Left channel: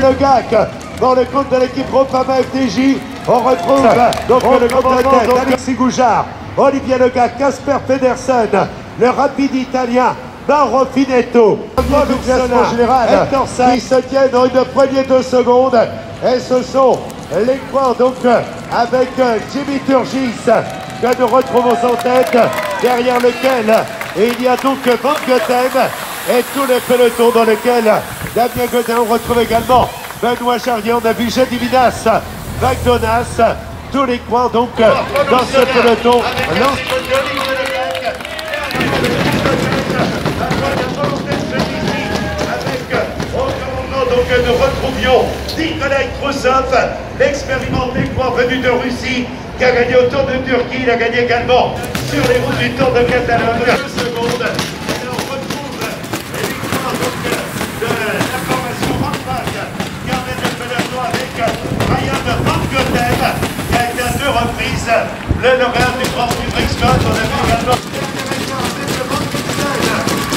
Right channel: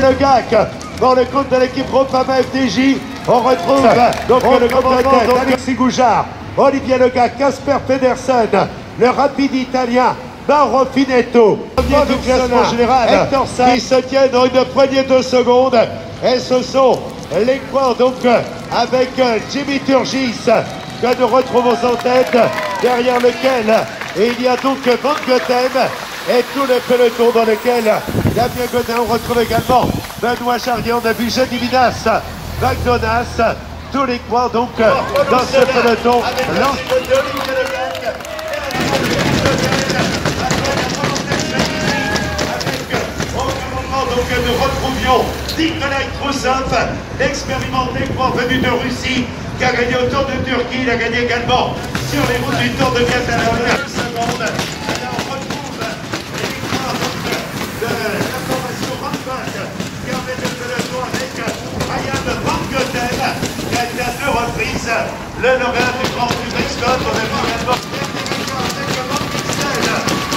Le GAC dans le compte de l'équipe Groupama FDJ, on retrouve donc le commandant Alexis Goujard, Olivier Le GAC, Casper Pedersen, le rapide italien Mauro Finetto, dans le classement général qui se tiennent dans une poignée de secondes, et ce sont les points donc avec Jimmy Turgis que nous retrouvons en tête, derrière lequel il y a donc Van Gotem et tous les pelotons dans lesquels Damien Godin, on retrouve également Benoît Charrier, on a vu Jedi Vidas, McDonald's, tous les coins donc dans ce peloton. Donc nous retrouvions Nikolai Trusov, l'expérimenté coureur venu de Russie, qui a gagné au Tour de Turquie, il a gagné également sur les routes du Tour de Catalogne. 2 secondes. De la formation Rampage qui emmène le peloton avec Ryan Van Goten qui a été à 2 reprises le lauréat du Grand Prix Brixcott. On a vu également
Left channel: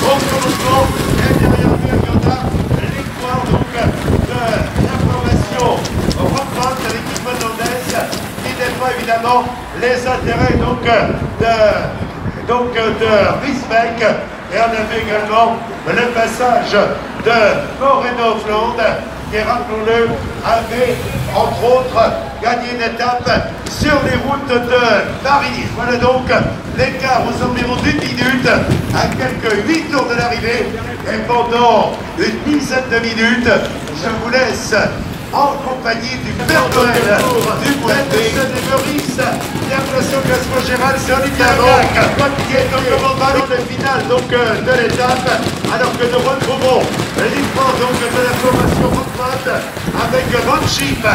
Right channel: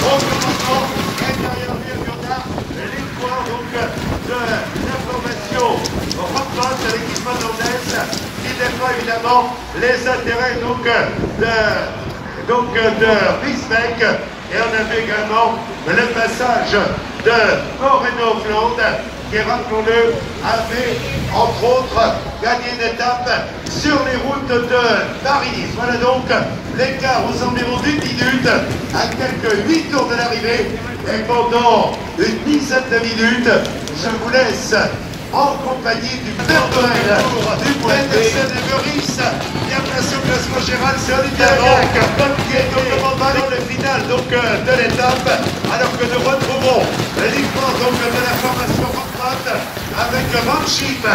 au commencement et derrière Vergota et les points donc de la formation Rampage de l'équipe motornaise qui déploie évidemment les intérêts de Riesbeck. Et on a vu également le passage de Moreno-Flandre, qui, rappelons-le, avait, entre autres, gagné une étape sur les routes de Paris. Voilà donc l'écart aux environs d'1 minute, à quelques 8 tours de l'arrivée. Et pendant une dizaine de minutes, je vous laisse en compagnie du Père Noël du Boisé. Et après ce classement général, c'est Olivier qui est donc dans le final de l'étape, alors que nous retrouvons l'uniquement de la formation Rampage avec Ranchip qui a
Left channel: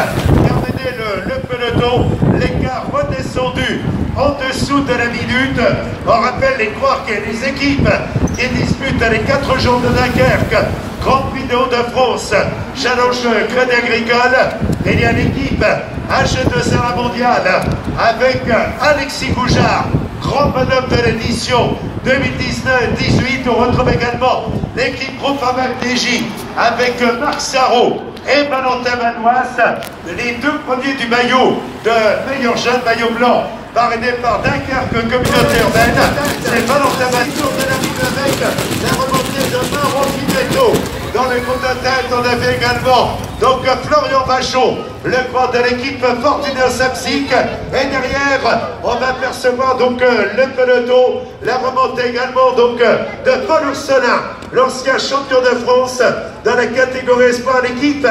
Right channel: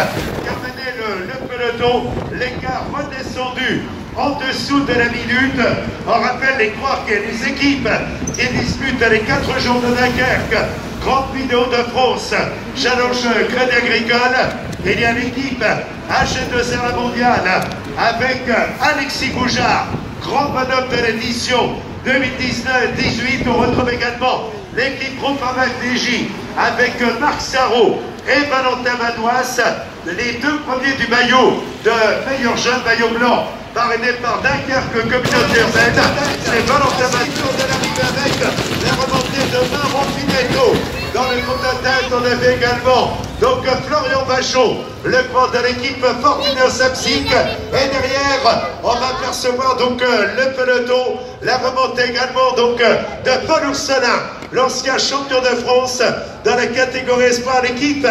mené le peloton, l'écart redescendu en dessous de la minute. On rappelle les trois que les équipes qui disputent les 4 jours de Dunkerque, Grand Prix de Hauts-de-France, Challenge Crédit Agricole, et il y a l'équipe H2A mondiale avec Alexis Goujard, grand bonhomme de l'édition 2019-18. On retrouve également l'équipe Groupama FDJ avec Marc Sarrault et Valentin Manoas, les 2 premiers du maillot de meilleur jeune, maillot blanc, parrainé par Dunkerque Communauté Urbaine. C'est Valentin Manoas de la avec la remontée de Mauro Finetto. Dans le groupe de tête, on avait également donc Florian Vachon, le grand de l'équipe Fortuner Sapsic. Et derrière, on va percevoir donc le peloton, la remontée également donc de Paul Ourselin, l'ancien champion de France dans la catégorie espoir. L'équipe,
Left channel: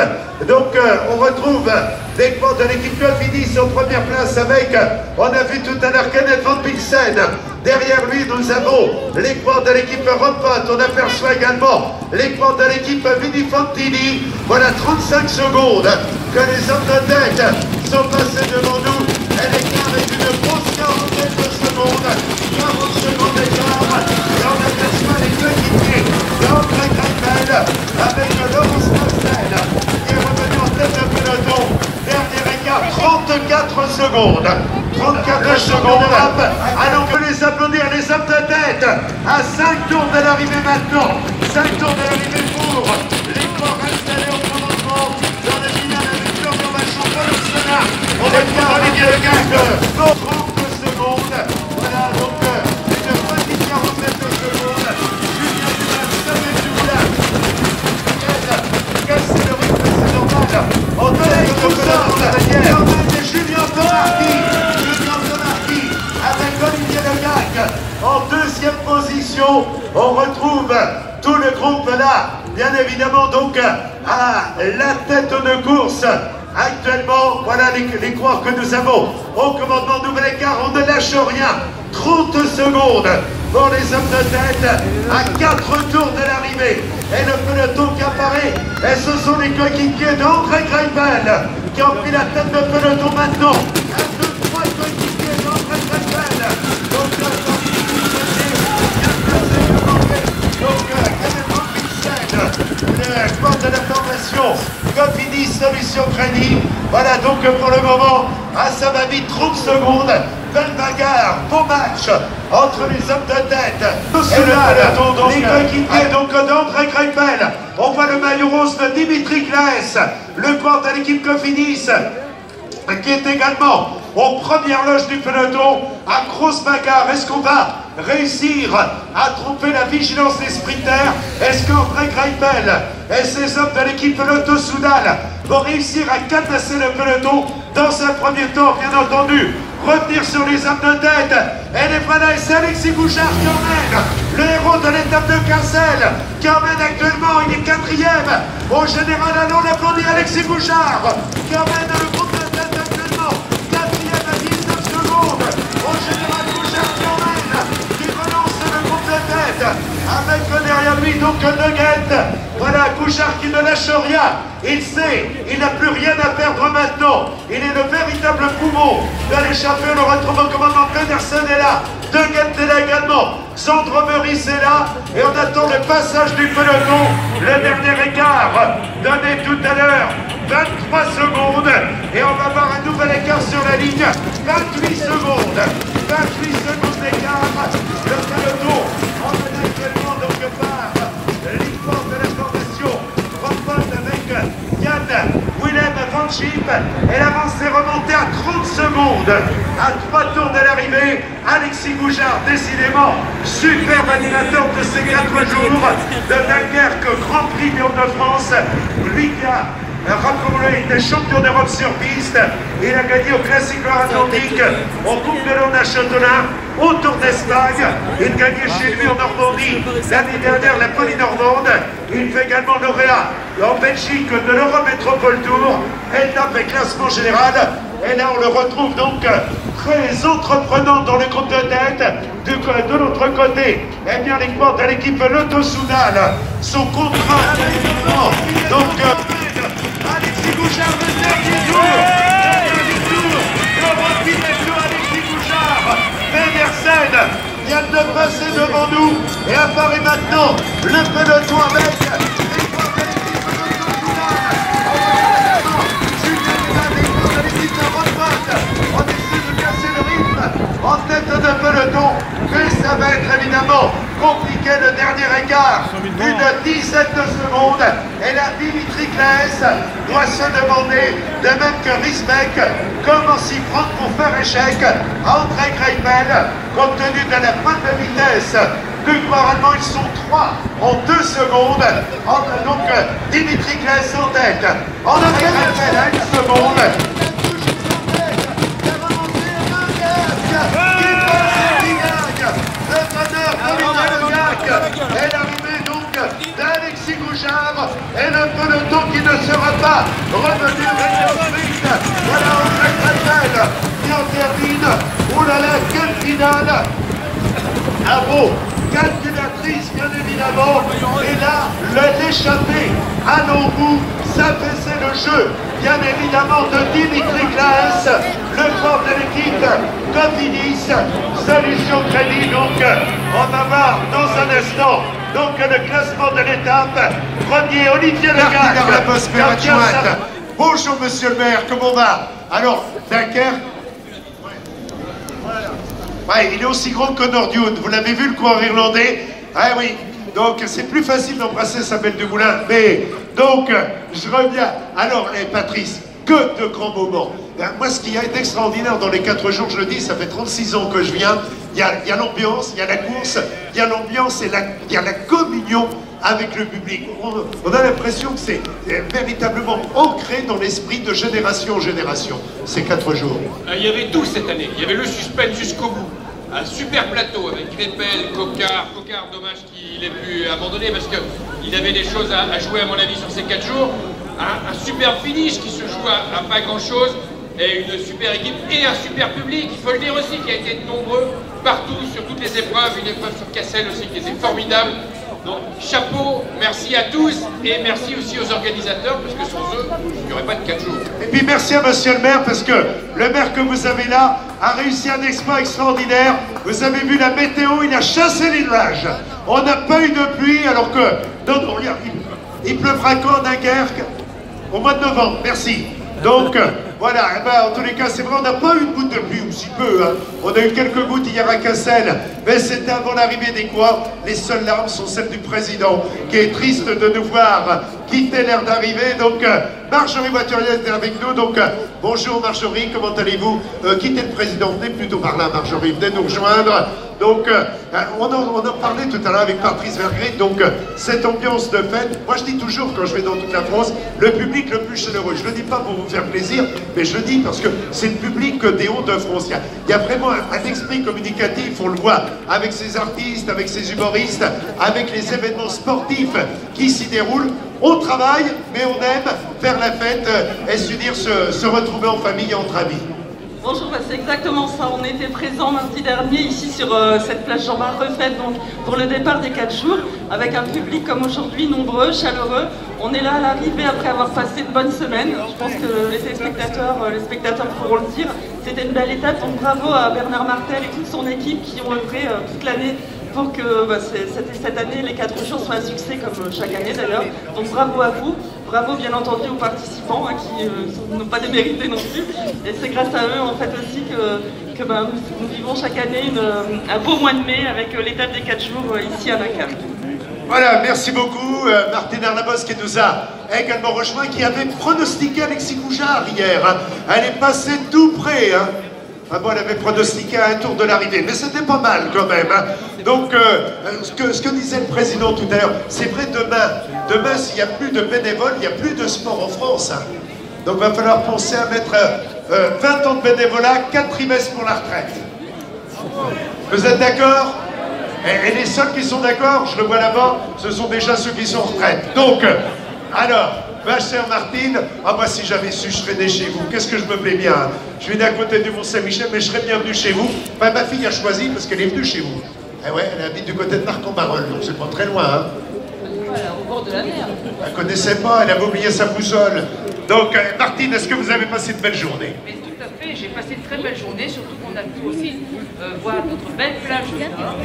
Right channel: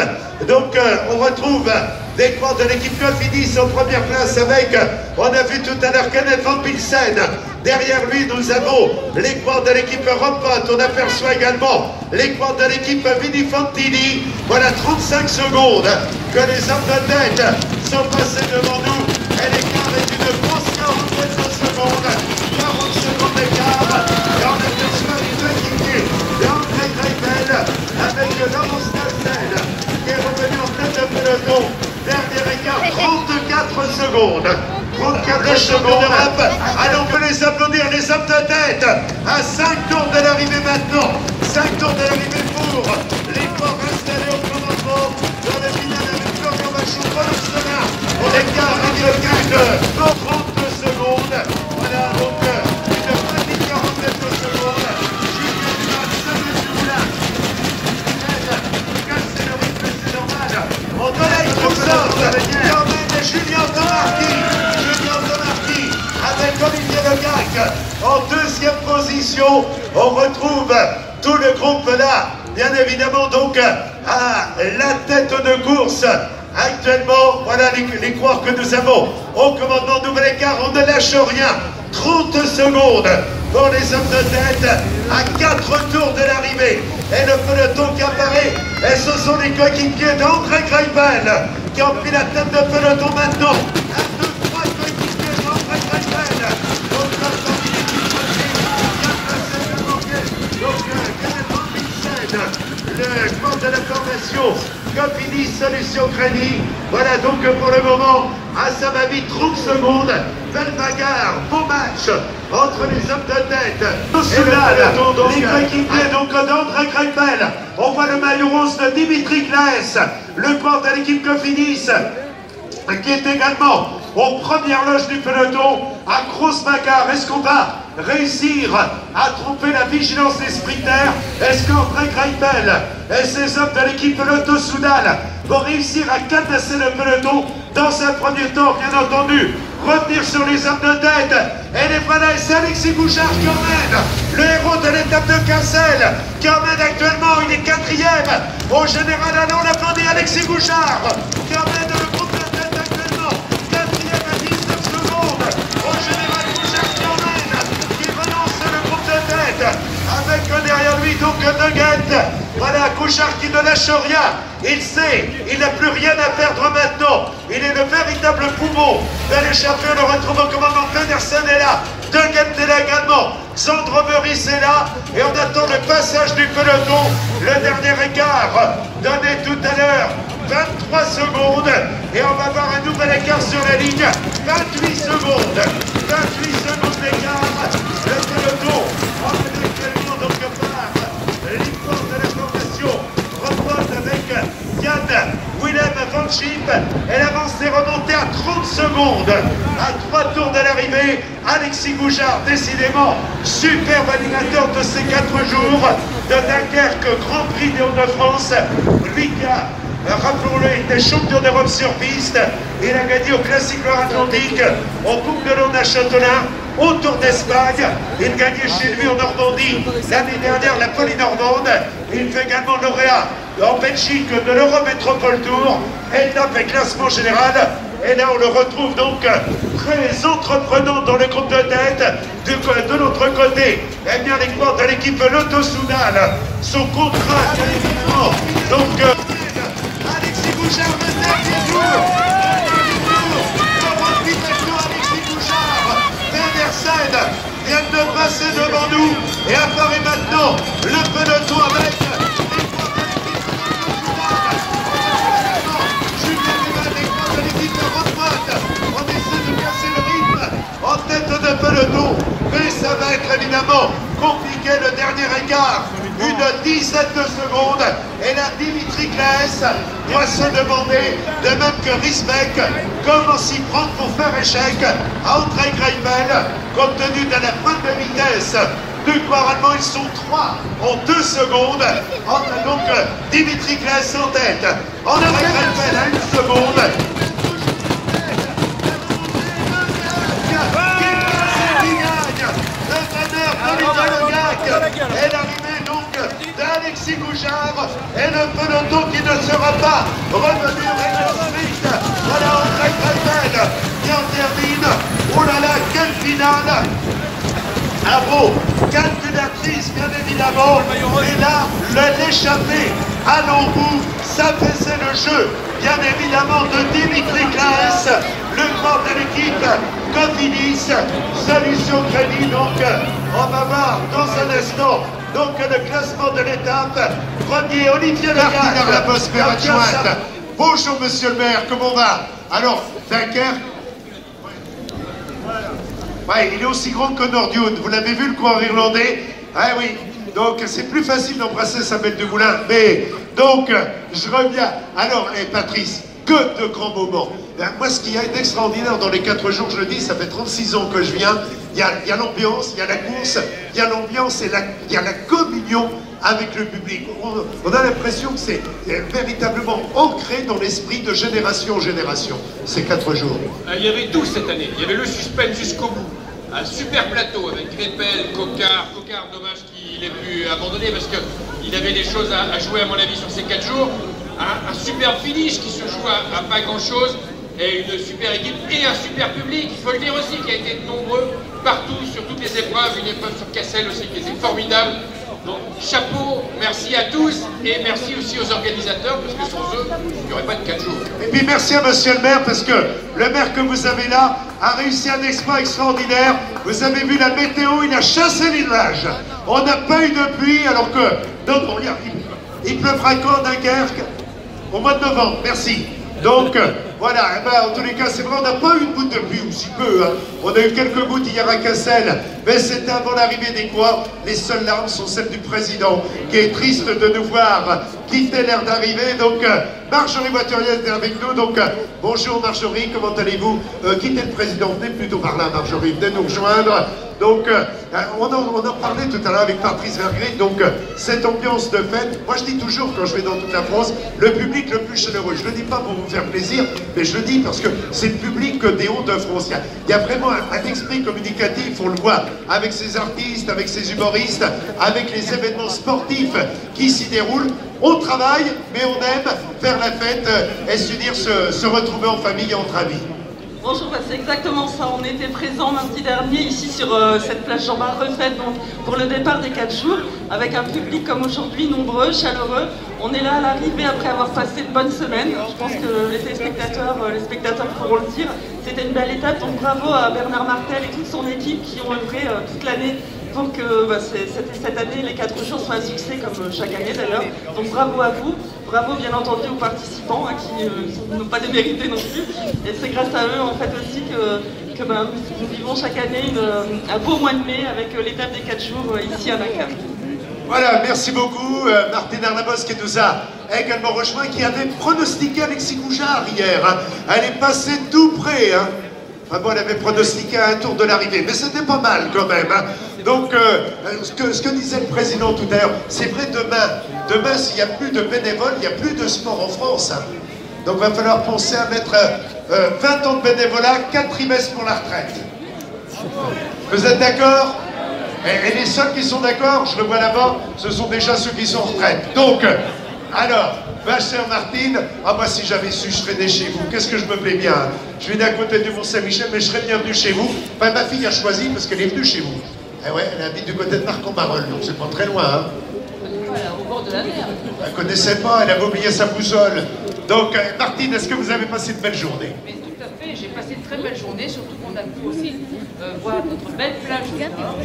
donc on retrouve des grands de l'équipe Cofidis en première place avec, on a vu tout à l'heure Kenneth Van Pilsen. Derrière lui, nous avons les grands de l'équipe Rampage. On aperçoit également les grands de l'équipe Vini Fantini. Voilà 35 secondes que les hommes de tête sont passés devant nous. Et l'écart est une grosse 40 secondes. 40 secondes d'écart. Et on aperçoit les deux équipes d'André Greipel avec Laurence Marcel qui est revenu en tête de peloton. Dernier écart, 34 secondes. 34 secondes de rap. Alors on peut les applaudir, les hommes de tête, à 5 tours de l'arrivée maintenant. 5 tours de l'arrivée pour les corps installés au commencement de la finale avec Florian Vachon de l'Arsenal. L'écart est de 30 secondes. Voilà donc une petite 47 secondes. Julien Dumas, ça veut tout là. Casser le rythme, c'est normal. On a tout ça. Et on a Julien Demarquis. Avec Olivier Le GAC en 2e position. On retrouve tout le groupe là, bien évidemment donc à la tête de course. Actuellement, voilà les coureurs que nous avons au commandement. Nouvel écart, on ne lâche rien. 30 secondes pour les hommes de tête à 4 tours de l'arrivée. Et le peloton qui apparaît, et ce sont les coéquipiers d'André Greipel qui ont pris la tête de peloton maintenant. Cofidis Solution Crédit. Voilà donc pour le moment, à son avis, 30 secondes. Belle bagarre, beau match entre les hommes de tête. Les coéquipiers donc d'André Greipel. On voit le maillot rose de Dimitri Claes le quart de l'équipe Cofidis, qui est également aux premières loges du peloton, à grosse bagarre. Est-ce qu'on va réussir à tromper la vigilance des sprinters? Est-ce qu'André Greipel et ses hommes de l'équipe Lotto Soudal vont réussir à cadenasser le peloton dans un premier temps, bien entendu, revenir sur les hommes de tête? Et les voilà, et c'est Alexis Bouchard qui emmène, le héros de l'étape de Cassel, qui emmène actuellement, il est 4e au général. Allons l'applaudir, Alexis Bouchard, qui emmène le groupe de tête actuellement, 4e à 19 secondes, au général Bouchard qui relance le groupe de tête, avec derrière lui donc Nugget. Voilà, Bouchard qui ne lâche rien. Il sait, il n'a plus rien à perdre maintenant. Il est le véritable poumon de l'échappée. On le retrouve au commandement. Pedersen est là, Nugget est là également, Sandro Meurice est là, et on attend le passage du peloton. Le dernier écart donné tout à l'heure, 23 secondes, et on va voir un nouvel écart sur la ligne. 28 secondes, 28 secondes d'écart. Le peloton emmène actuellement donc par l'histoire de la formation reprend avec Yann Willem Van Schip, et l'avance est remontée à 30 secondes à 3 tours de l'arrivée. Alexis Bouchard, décidément superbe animateur de ces 4 jours de Dunkerque, Grand Prix de France. Lui qui a, rappelons-le, était champion d'Europe sur piste. Il a gagné au Classique Atlantique, au Coupe de l'Aune à Châtelain, au Tour d'Espagne. Il gagnait chez lui en Normandie l'année dernière la Polynormande. Il fait également lauréat en Belgique de l'Eurométropole Tour, étape et classement général. Et là, on le retrouve donc très entreprenant dans le groupe de tête. De l'autre côté, eh bien, les coureurs de l'équipe Lotto Soudal sont contraints évidemment. Donc, Alexis Bouchard, le dernier tour. Alexis Bouchard, Pedersen vient de passer devant nous et apparaît maintenant le peloton avec en tête de peloton, mais ça va être évidemment compliqué. Le dernier écart, une dizaine de secondes, et là Dimitri Claes doit se demander, de même que Risbeck, comment s'y prendre pour faire échec à André Greipel, compte tenu de la pointe de vitesse. Normalement, ils sont 3 en 2 secondes. Donc Dimitri Claes en tête, André Greipel à 1 seconde. Et l'arrivée donc d'Alexis Bouchard et le peloton qui ne sera pas revenu avec le sprint. Voilà André Greipel qui en termine. Oh là là, quelle finale! Bravo, calculatrice bien évidemment. Et là, l'échappée à l'embout, ça faisait le jeu bien évidemment de Dimitri Claes, le corps de l'équipe Cofidis, Solution Crédit. Donc on va voir dans un instant donc le classement de l'étape. Premier, Olivier Legac, Cardinal Laposphère adjointe. Bonjour monsieur le maire, comment on va? Alors, Dunkerque, ouais, il est aussi grand que Nordioun. Vous l'avez vu, le coureur irlandais? Ah oui, donc c'est plus facile d'embrasser sa belle du moulin. Mais, donc, je reviens. Alors, Patrice, que de grands moments. Moi, ce qu'il y a d'extraordinaire dans les 4 jours, je le dis, ça fait 36 ans que je viens. Il y a l'ambiance, il y a la course, il y a l'ambiance et il y a la communion avec le public. On a l'impression que c'est véritablement ancré dans l'esprit de génération en génération, ces 4 jours. Il y avait tout cette année. Il y avait le suspense jusqu'au bout. Un super plateau avec Greipel, Coquard. Coquard, dommage qu'il ait pu abandonner parce qu'il avait des choses à jouer, à mon avis, sur ces 4 jours. Un super finish qui se joue à pas grand-chose. Et une super équipe et un super public. Il faut le dire aussi, qui a été nombreux partout, sur toutes les épreuves. Une épreuve sur Cassel aussi qui était formidable. Donc, chapeau, merci à tous et merci aussi aux organisateurs parce que sans eux, il n'y aurait pas de 4 jours. Et puis merci à monsieur le maire parce que le maire que vous avez là a réussi un exploit extraordinaire. Vous avez vu la météo, il a chassé les nuages. On n'a pas eu de pluie alors que... Non, il pleuvra quand à Dunkerque? Au mois de novembre, merci. Donc, voilà, eh ben, en tous les cas, c'est vrai, on n'a pas eu une goutte de pluie, ou si peu, hein. On a eu quelques gouttes hier à Cassel, mais c'était avant l'arrivée des quoi. Les seules larmes sont celles du président, qui est triste de nous voir quitter l'air d'arrivée. Donc, Marjorie Voiturier est avec nous, donc bonjour Marjorie, comment allez-vous? Quittez le président, venez plutôt par là Marjorie, venez nous rejoindre. Donc on en parlait tout à l'heure avec Patrice Vergrit, donc cette ambiance de fête, moi je dis toujours quand je vais dans toute la France, le public le plus chaleureux, je le dis pas pour vous faire plaisir, mais je le dis parce que c'est le public des Hauts-de-France, il y a vraiment un esprit communicatif, on le voit, avec ces artistes, avec ces humoristes, avec les événements sportifs qui s'y déroulent. On travaille, mais on aime faire la fête et s'unir, se retrouver en famille et entre amis. Bonjour, c'est exactement ça. On était présents mardi dernier ici sur cette place Jean-Marc Refaite donc, pour le départ des 4 jours, avec un public comme aujourd'hui nombreux, chaleureux. On est là à l'arrivée après avoir passé de bonnes semaines. Je pense que les spectateurs pourront le dire. C'était une belle étape, donc bravo à Bernard Martel et toute son équipe qui ont œuvré toute l'année pour que cette année, les 4 jours soient un succès, comme chaque année d'ailleurs. Donc bravo à vous, bravo bien entendu aux participants qui n'ont pas démérité non plus. Et c'est grâce à eux en fait aussi que nous vivons chaque année un beau mois de mai avec l'étape des 4 jours ici à Dunkerque. Voilà, merci beaucoup. Martine Arlabosse qui nous a également rejoint, qui avait pronostiqué Alexis Goujard hier. Hein. Elle est passée tout près. Hein. Enfin, bon, elle avait pronostiqué à un tour de l'arrivée, mais c'était pas mal quand même. Hein. Donc, ce que disait le président tout à l'heure, c'est vrai, demain s'il n'y a plus de bénévoles, il n'y a plus de sport en France. Hein. Donc, il va falloir penser à mettre 20 ans de bénévolat, 4 trimestres pour la retraite. Vous êtes d'accord ? Et les seuls qui sont d'accord, je le vois là-bas, ce sont déjà ceux qui sont en retraite. Donc, alors, ma chère Martine, moi si j'avais su, je serais né chez vous. Qu'est-ce que je me plais bien. Hein. Je suis d'à côté du Mont-Saint-Michel, mais je serais bienvenu chez vous. Enfin, ma fille a choisi parce qu'elle est venue chez vous. Eh ouais, elle habite du côté de Marc-en-Barœul, donc c'est pas très loin. Hein. Voilà, au bord de la mer. Elle ne connaissait pas, elle avait oublié sa boussole. Donc, Martine, est-ce que vous avez passé de belles journées? Mais tout à fait, j'ai passé de très belles journées, surtout qu'on a pu aussi voir notre belle plage du Nord,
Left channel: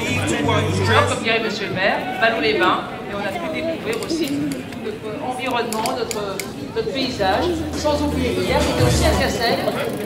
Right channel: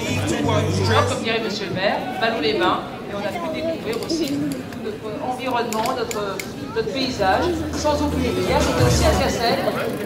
comme dirait Monsieur le maire, Ballot-les-Bains, et on a pu découvrir aussi tout notre environnement, notre paysage, sans oublier hier, on était aussi à Cassel,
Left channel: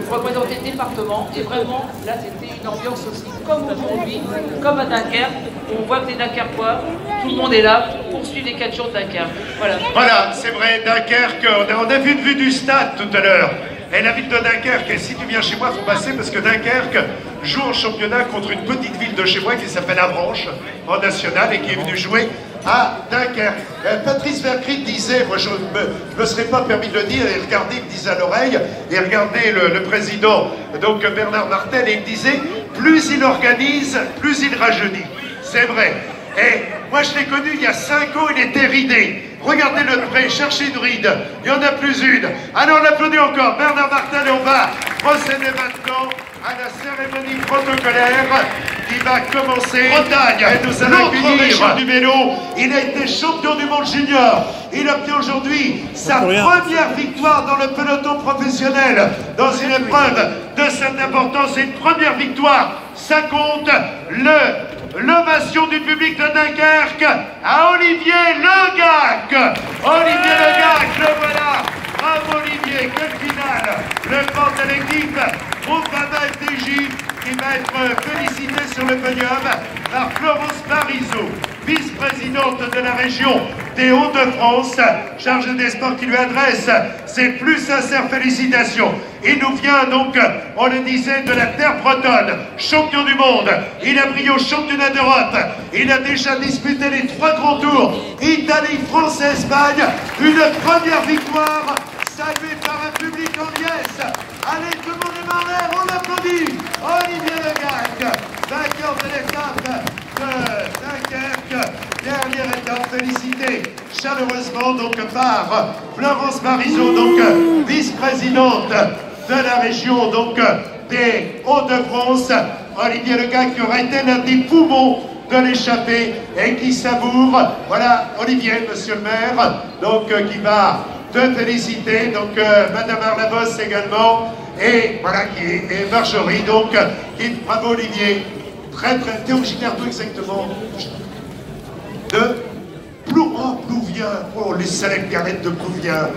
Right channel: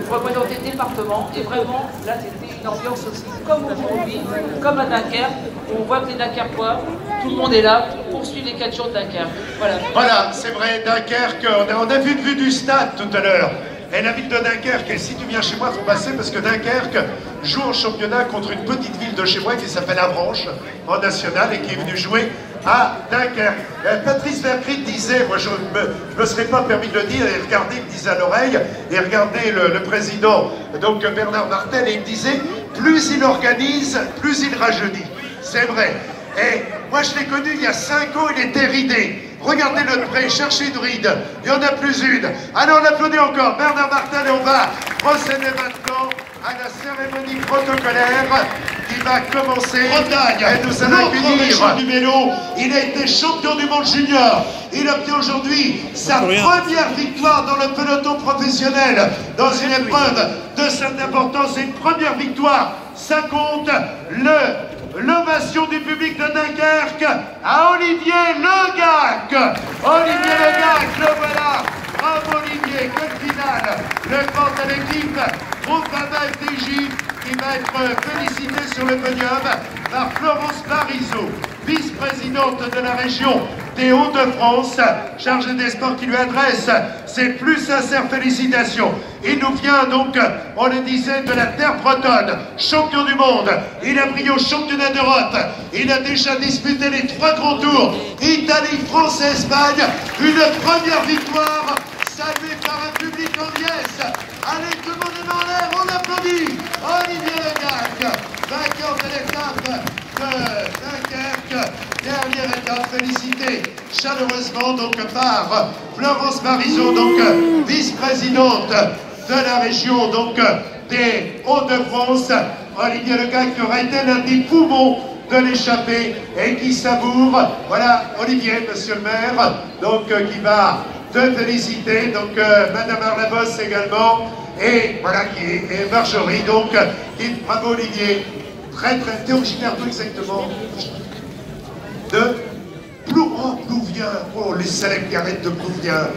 pour représenter le département, et vraiment, là c'était une ambiance aussi, comme aujourd'hui, comme à Dunkerque, on voit que les Dunkerquois, tout le monde est là pour poursuivre les 4 jours de Dunkerque. Voilà. Voilà, c'est vrai, Dunkerque, on a vu une vue du stade tout à l'heure. Et la ville de Dunkerque, et si tu viens chez moi, il faut passer parce que Dunkerque joue en championnat contre une petite ville de chez moi qui s'appelle Avranches, en national, et qui est venue jouer à Dunkerque. Patrice Vergrit disait, moi je ne me serais pas permis de le dire, et regardez, il me disait à l'oreille, et regardez le président, donc Bernard Martel, et il disait, plus il organise, plus il rajeunit. C'est vrai. Et moi je l'ai connu il y a 5 ans, il était ridé. Regardez-le de près, cherchez une ride, il y en a plus une. Alors on l'applaudit encore, Bernard Martel, et on va procéder maintenant à la cérémonie protocolaire qui va commencer. Bretagne, et nous allons accueillir du vélo. Il a été champion du monde junior. Il obtient aujourd'hui sa première victoire dans le peloton professionnel dans une épreuve de cette importance. Et une première victoire, ça compte. L'ovation du public de Dunkerque à Olivier Le Gac. Olivier Le Gac, le voilà. Bravo Olivier, quelle finale. Le porte à l'équipe Groupama FDJ qui va être félicité sur le podium par Florence Parisot, vice-présidente de la région des Hauts-de-France, chargée des sports, qui lui adresse ses plus sincères félicitations. Il nous vient donc, on le disait, de la terre bretonne, champion du monde. Il a brillé au championnat d'Europe. Il a déjà disputé les 3 grands tours, Italie, France et Espagne. Une première victoire saluée par un public en liesse. Allez, tout le monde est en l'air, on l'applaudit. Olivier Le Gac, vainqueur de l'étape de Dunkerque. Dernière étape, félicité chaleureusement donc par Florence Parisot, donc vice-présidente de la région donc des Hauts-de-France. Olivier Le Gac qui aura été l'un des poumons de l'échappée et qui savoure. Voilà Olivier, monsieur le maire, donc qui va te féliciter, donc Madame Arlabosse également, et voilà et Marjorie, donc qui bravo Olivier. T'es originaire d'où exactement? De Plouvien. Oh, les célèbres qui arrêtent de Plouvien.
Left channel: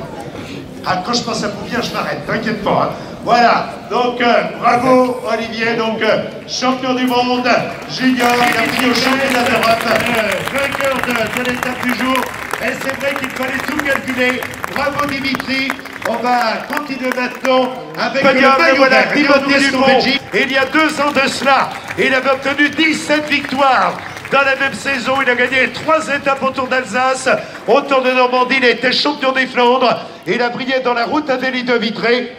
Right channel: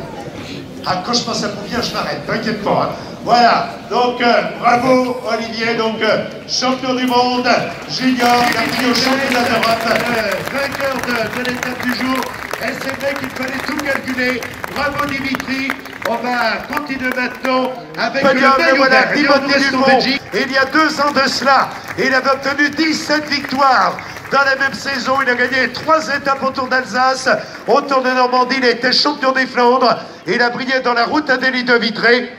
Ah, quand je pense à Plouvien, je m'arrête, t'inquiète pas. Hein. Voilà, donc bravo Olivier, donc champion du monde junior, il a pris au championnat d'Europe. Vainqueur de l'étape du jour, et c'est vrai qu'il fallait tout calculer. Bravo Dimitri, On va continuer maintenant avec le maillot vert. Timothy Dupont, il y a 2 ans de cela, il avait obtenu 17 victoires. Dans la même saison, il a gagné 3 étapes au Tour d'Alsace. Au Tour de Normandie, il a été champion des Flandres. Il a brillé dans la route Adélie de Vitré.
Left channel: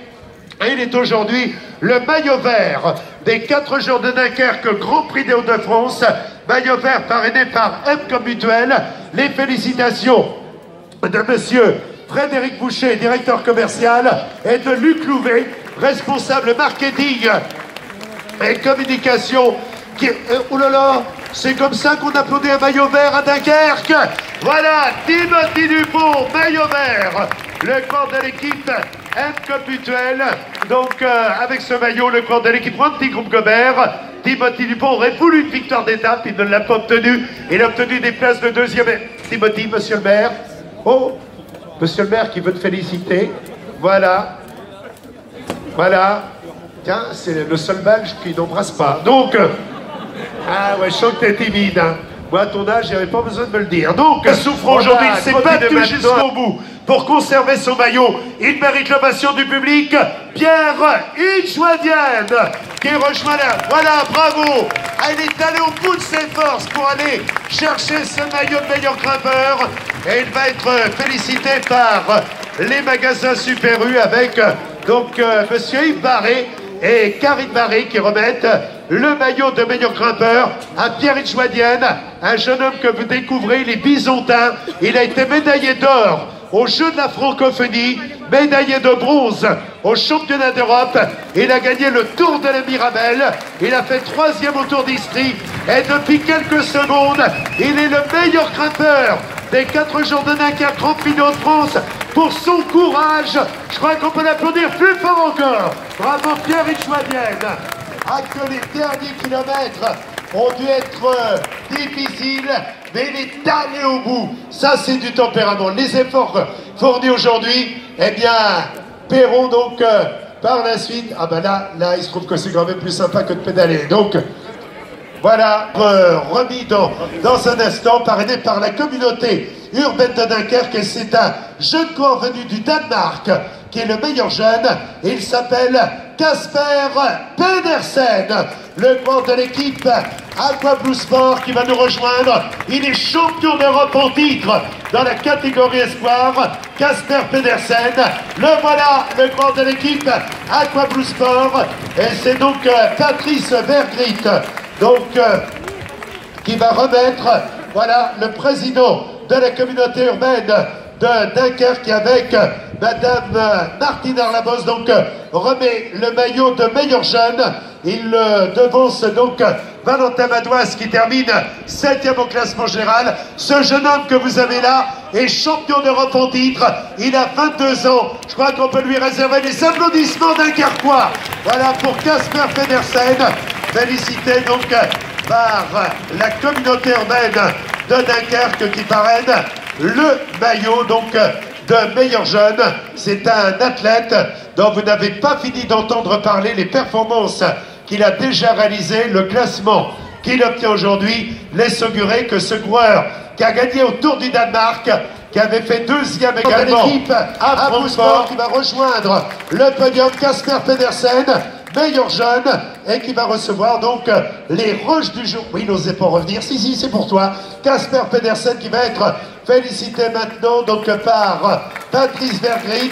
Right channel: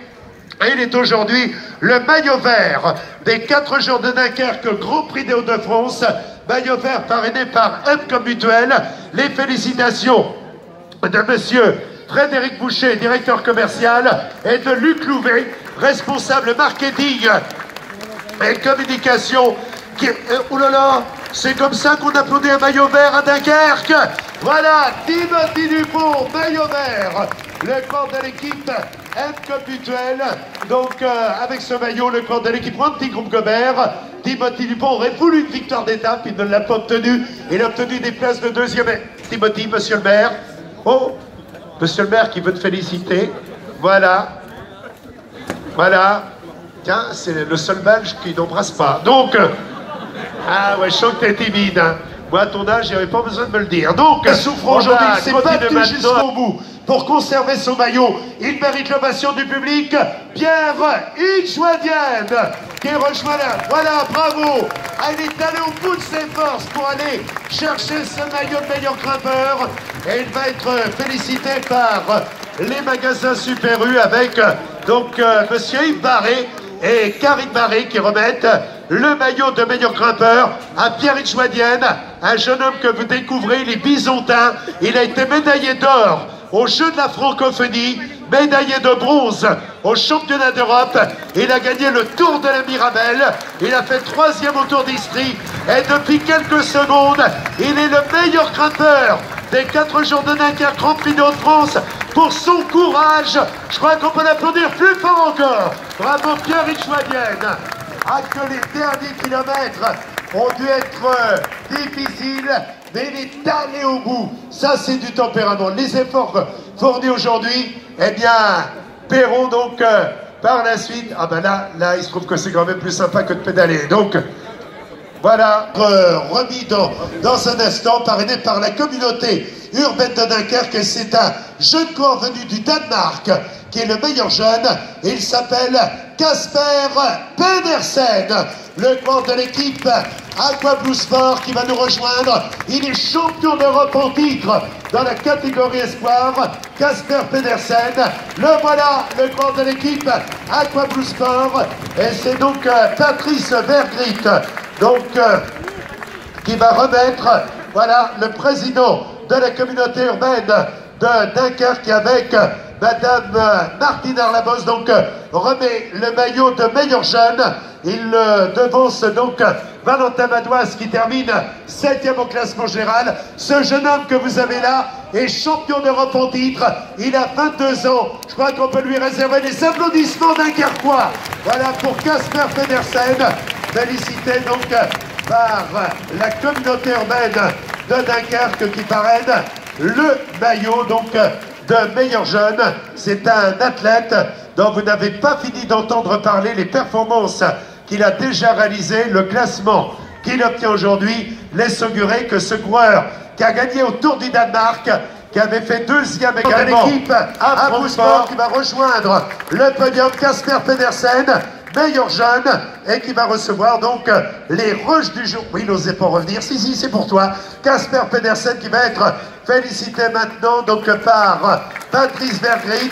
Et il est aujourd'hui le maillot vert des 4 jours de Dunkerque, Grand Prix des Hauts-de-France. Maillot vert parrainé par Up comme Mutuelle. Les félicitations de monsieur Frédéric Boucher, directeur commercial, et de Luc Louvet, responsable marketing et communication. Oh là là, c'est comme ça qu'on applaudit un maillot vert à Dunkerque. Voilà, Timothy Dupont, maillot vert. Le corps de l'équipe M Mutuelle. Donc avec ce maillot, le corps de l'équipe prend un petit groupe Gobert. Timothy Dupont aurait voulu une victoire d'étape, il ne l'a pas obtenue. Il a obtenu des places de 2e. Timothy, monsieur le maire. Oh, monsieur le maire qui veut te féliciter. Voilà. Voilà. Tiens, c'est le seul Belge qui n'embrasse pas. Donc, ah ouais, je sens que t'es timide. Hein. Moi, à ton âge, j'avais pas besoin de me le dire. Donc, souffrant aujourd'hui, il s'est battu jusqu'au bout pour conserver son maillot. Il mérite l'ovation du public. Pierre Hitchwadienne qui rejoint là. Voilà, bravo. Il est allé au bout de ses forces pour aller chercher ce maillot de meilleur grimpeur. Et il va être félicité par les magasins Super U avec donc monsieur Yves Barré et Karine Barré qui remettent le maillot de meilleur grimpeur à Pierre Hitchwadienne, un jeune homme que vous découvrez, il est bisontin, il a été médaillé d'or aux Jeux de la Francophonie, médaillé de bronze au championnat d'Europe, il a gagné le Tour de la Mirabelle, il a fait 3e au Tour d'Istrie, et depuis quelques secondes, il est le meilleur grimpeur des 4 jours de Dunkerque, Grand Prix de France, pour son courage. Je crois qu'on peut l'applaudir plus fort encore. Bravo Pierre Hitchwadienne. Que les derniers kilomètres ont dû être difficiles, mais il est allé au bout. Ça, c'est du tempérament. Les efforts fournis aujourd'hui, eh bien, paieront donc par la suite. Ah ben là, il se trouve que c'est quand même plus sympa que de pédaler. Donc, voilà, remis dans un instant, parrainé par la communauté urbaine de Dunkerque. Et c'est un jeune coureur venu du Danemark qui est le meilleur jeune. Il s'appelle Casper Pedersen, le coureur de l'équipe Aqua Blue Sport qui va nous rejoindre. Il est champion d'Europe en titre dans la catégorie espoir. Casper Pedersen, le voilà, le coureur de l'équipe Aqua Blue Sport. Et c'est donc Patrice Vergrit donc, qui va remettre, voilà, le président de la communauté urbaine de Dunkerque avec Madame Martine Arlabos, donc remet le maillot de meilleur jeune. Il devance donc Valentin Madoise qui termine 7e au classement général. Ce jeune homme que vous avez là est champion d'Europe en titre. Il a 22 ans. Je crois qu'on peut lui réserver les applaudissements dunkerquois. Voilà pour Casper Pedersen. Félicité donc par la communauté urbaine de Dunkerque qui parraine le maillot donc de meilleur jeune. C'est un athlète dont vous n'avez pas fini d'entendre parler les performances qu'il a déjà réalisées, le classement qu'il obtient aujourd'hui laisse augurer que ce coureur qui a gagné au Tour du Danemark, qui avait fait 2e également l'équipe à Sport, qui va rejoindre le podium, Casper Pedersen, meilleur jeune, et qui va recevoir donc les rushs du jour. Oui, il n'osait pas revenir. Si, c'est pour toi. Casper Pedersen qui va être félicité maintenant donc par Patrice Vergrit,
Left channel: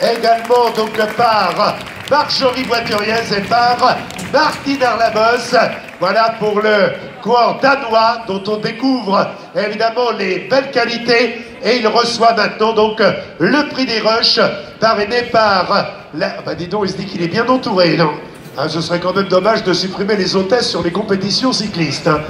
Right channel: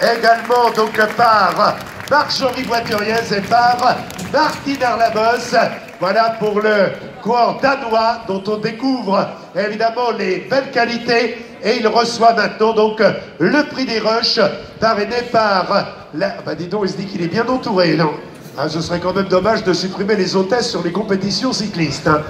également donc par Marjorie Voituriez et par Martine Arlabos. Voilà pour le coureur danois dont on découvre évidemment les belles qualités, et il reçoit maintenant donc le prix des rushs parrainé par la... Bah dis donc, il se dit qu'il est bien entouré, non? Ah, ce serait quand même dommage de supprimer les hôtesses sur les compétitions cyclistes. Hein.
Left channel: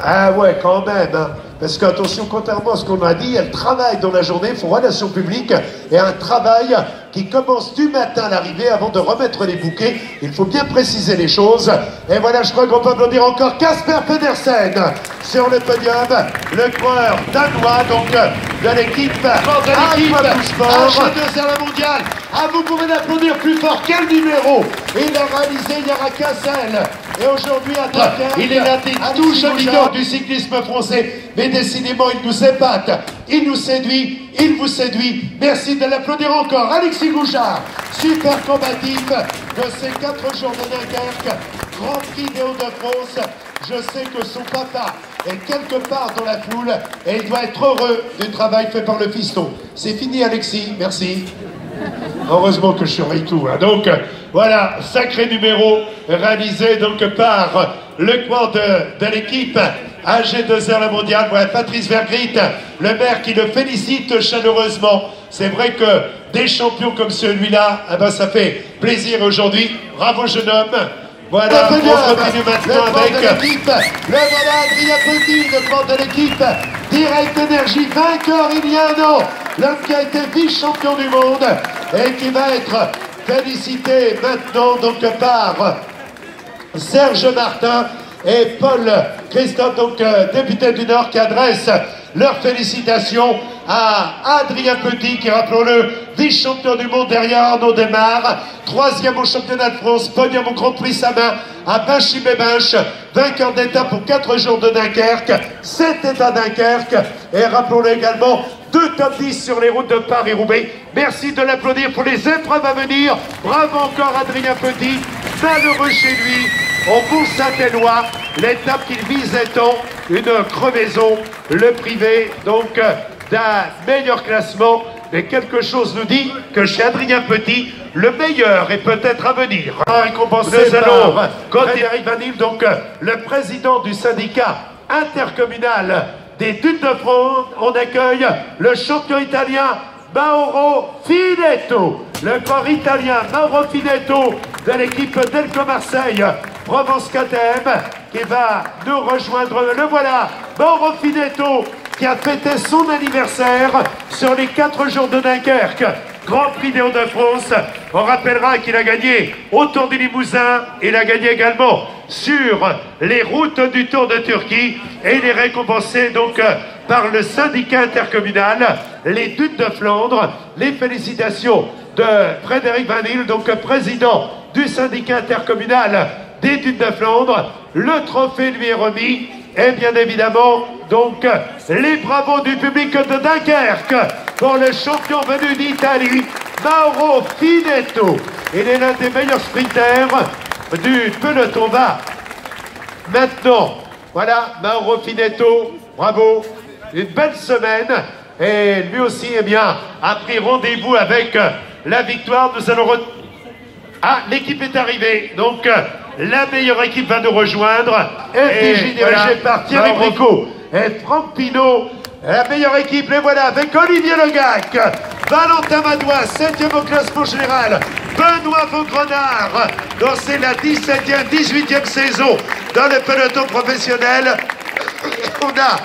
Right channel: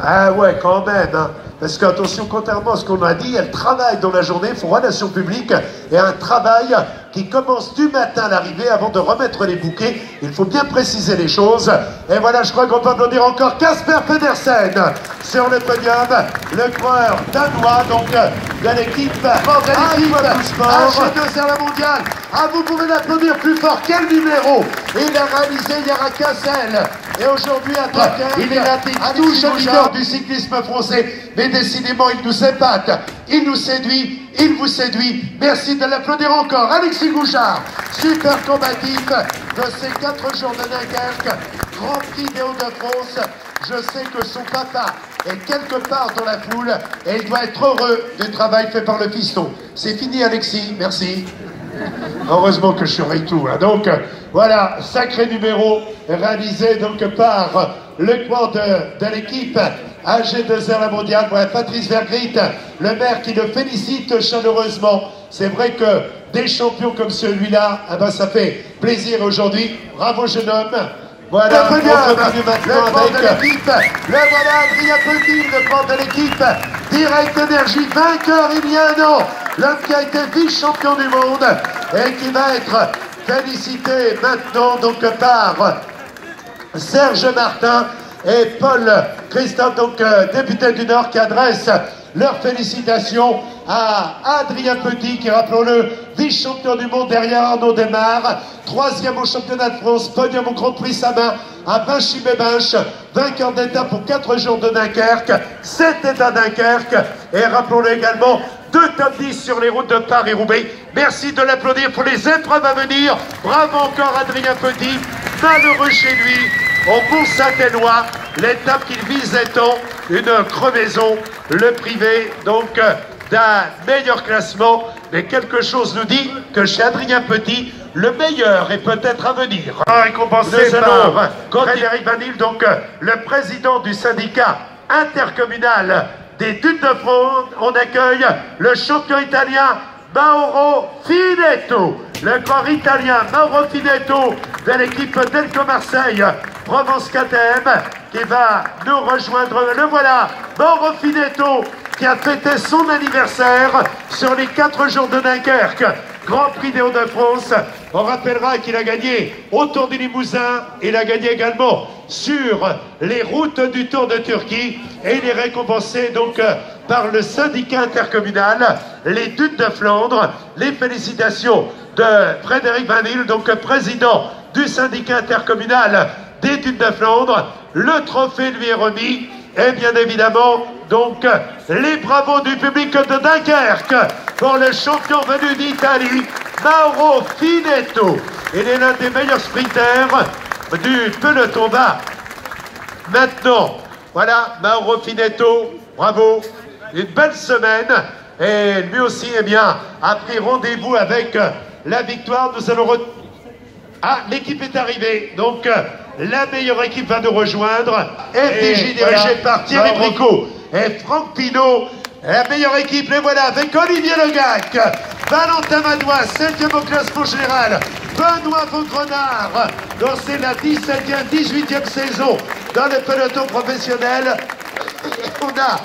Ah ouais, quand même. Hein. Parce qu'attention, contrairement à ce qu'on a dit, elle travaille dans la journée, font relations publiques, et un travail qui commence du matin à l'arrivée avant de remettre les bouquets. Il faut bien préciser les choses. Et voilà, je crois qu'on peut applaudir encore Casper Pedersen sur le podium, le coureur danois donc de l'équipe AG2R la mondiale, Ah, vous pouvez l'applaudir plus fort. Quel numéro il a réalisé Yara Cassel. Et aujourd'hui, à Dunkerque, il est l'un des touches leaders du cyclisme français. Mais décidément, il nous épate, il nous séduit, il vous séduit. Merci de l'applaudir encore. Alexis Gouchard, super combatif de ces 4 jours de Dunkerque, Grand Prix des Hauts-de-France. Je sais que son papa est quelque part dans la foule et il doit être heureux du travail fait par le fiston. C'est fini, Alexis, merci. Heureusement que je suis tout. Hein. Donc, voilà, sacré numéro réalisé donc par le quad de l'équipe AG2R La Mondiale. Voilà, Patrice Vergrit, le maire qui le félicite chaleureusement. C'est vrai que des champions comme celui-là, eh ben, ça fait plaisir aujourd'hui. Bravo, jeune homme. Voilà, on continue maintenant avec l'équipe. Le voilà, Adrien Petit, le quad de l'équipe. Direct Énergie, vainqueur il y a un an. L'homme qui a été vice-champion du monde et qui va être félicité maintenant donc par Serge Martin et Paul Christophe, donc député du Nord, qui adresse leurs félicitations à Adrien Petit, qui, rappelons-le, vice-champion du monde derrière Arnaud Desmar, 3e au championnat de France, podium au Grand Prix Samin, à Binchy-Bébenche, vainqueur d'étape pour 4 jours de Dunkerque, 7 états Dunkerque, et rappelons-le également, 2 top 10 sur les routes de Paris-Roubaix. Merci de l'applaudir pour les épreuves à venir. Bravo encore Adrien Petit, malheureux chez lui, au Mont-Saint-Éloi, l'étape qu'il visait tant, une crevaison, le privé, donc d'un meilleur classement, mais quelque chose nous dit que chez Adrien Petit, le meilleur est peut-être à venir. Récompensé par Frédéric Vanille, donc le président du syndicat intercommunal des Dunes de France. On accueille le champion italien Mauro Finetto, le corps italien Mauro Finetto de l'équipe Delco Marseille Provence KTM, qui va nous rejoindre. Le voilà, Mauro Finetto, qui a fêté son anniversaire sur les 4 jours de Dunkerque, Grand Prix des Hauts-de-France. On rappellera qu'il a gagné au Tour du Limousin, il a gagné également sur les routes du Tour de Turquie, et il est récompensé donc par le syndicat intercommunal, les Dunes de Flandre. Les félicitations de Frédéric Vanille, donc président du syndicat intercommunal des Dunes de Flandre. Le trophée lui est remis. Et bien évidemment, donc, les bravos du public de Dunkerque pour le champion venu d'Italie, Mauro Finetto. Il est l'un des meilleurs sprinters du peloton bas. Maintenant, voilà, Mauro Finetto, bravo, une belle semaine. Et lui aussi, eh bien, a pris rendez-vous avec la victoire. Nous allons... Ah, l'équipe est arrivée, donc... La meilleure équipe va nous rejoindre. FDJ dirigé par Thierry Bricot et Franck Pinault. La meilleure équipe, les voilà, avec Olivier Legac, Valentin Madois, 7e au classement général, Benoît Vaugrenard, dont c'est la 17e, 18e saison dans le peloton professionnel. On a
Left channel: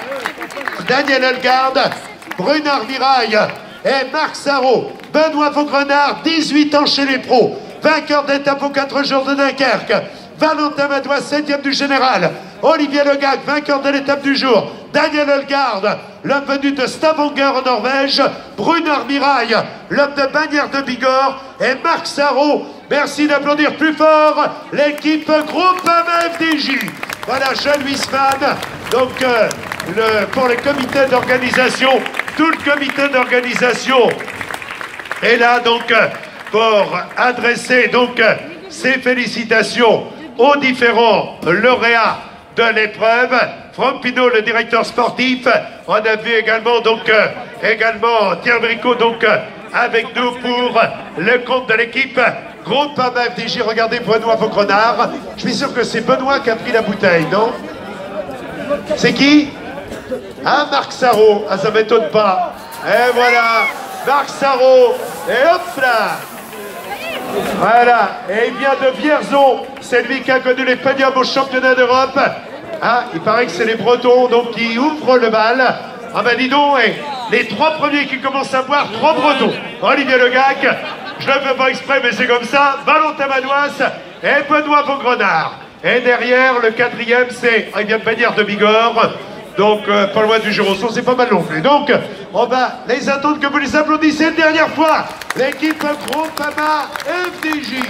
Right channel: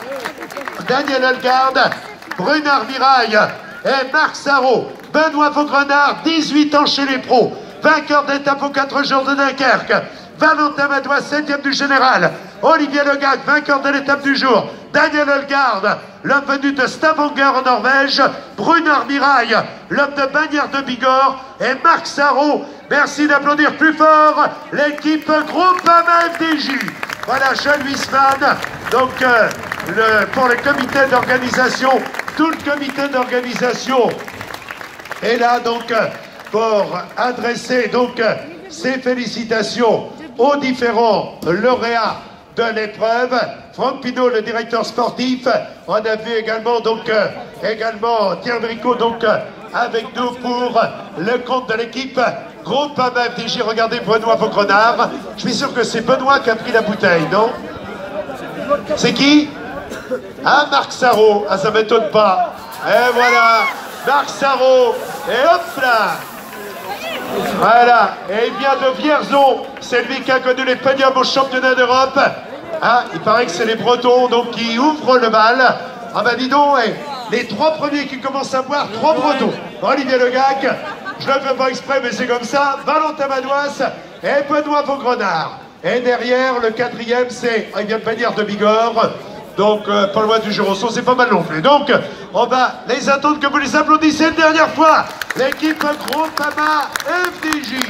Daniel Elgarde, Brunard Mirail et Marc Sarrault. Benoît Vaugrenard, 18 ans chez les pros, vainqueur d'étape aux 4 jours de Dunkerque. Valentin Madois, 7e du général. Olivier Legac, vainqueur de l'étape du jour. Daniel Elgarde, l'homme venu de Stavanger en Norvège. Brunard Mirail, l'homme de Bagnères de Bigorre. Et Marc Sarrault. Merci d'applaudir plus fort l'équipe Groupama FDJ. Voilà, Jean Wiesmann. Donc, pour le comité d'organisation, tout le comité d'organisation est là, donc, pour adresser donc ses félicitations aux différents lauréats de l'épreuve. Franck Pinault, le directeur sportif. On a vu également donc Thierry Bricot donc avec nous pour le compte de l'équipe Groupama FDJ. Regardez Benoît Vaugrenard. Je suis sûr que c'est Benoît qui a pris la bouteille, non? C'est qui? Ah, Marc Sarrault. Ah, ça m'étonne pas. Et voilà, Marc Sarrault. Et hop là. Voilà, et il vient de Vierzon, c'est lui qui a connu les podiums au championnat d'Europe. Ah, il paraît que c'est les Bretons donc qui ouvrent le bal. Ah ben dis donc, les 3 premiers qui commencent à boire, 3 Bretons. Olivier Legac, je ne le fais pas exprès mais c'est comme ça, Valentin Madois et Benoît Vaugrenard. Et derrière, le 4e, c'est, il vient de Bagnères de Bigorre, Donc, pas loin du Jurançon, c'est pas mal non plus. Donc, on va les attendre que vous les applaudissez une dernière fois. L'équipe Groupama FDJ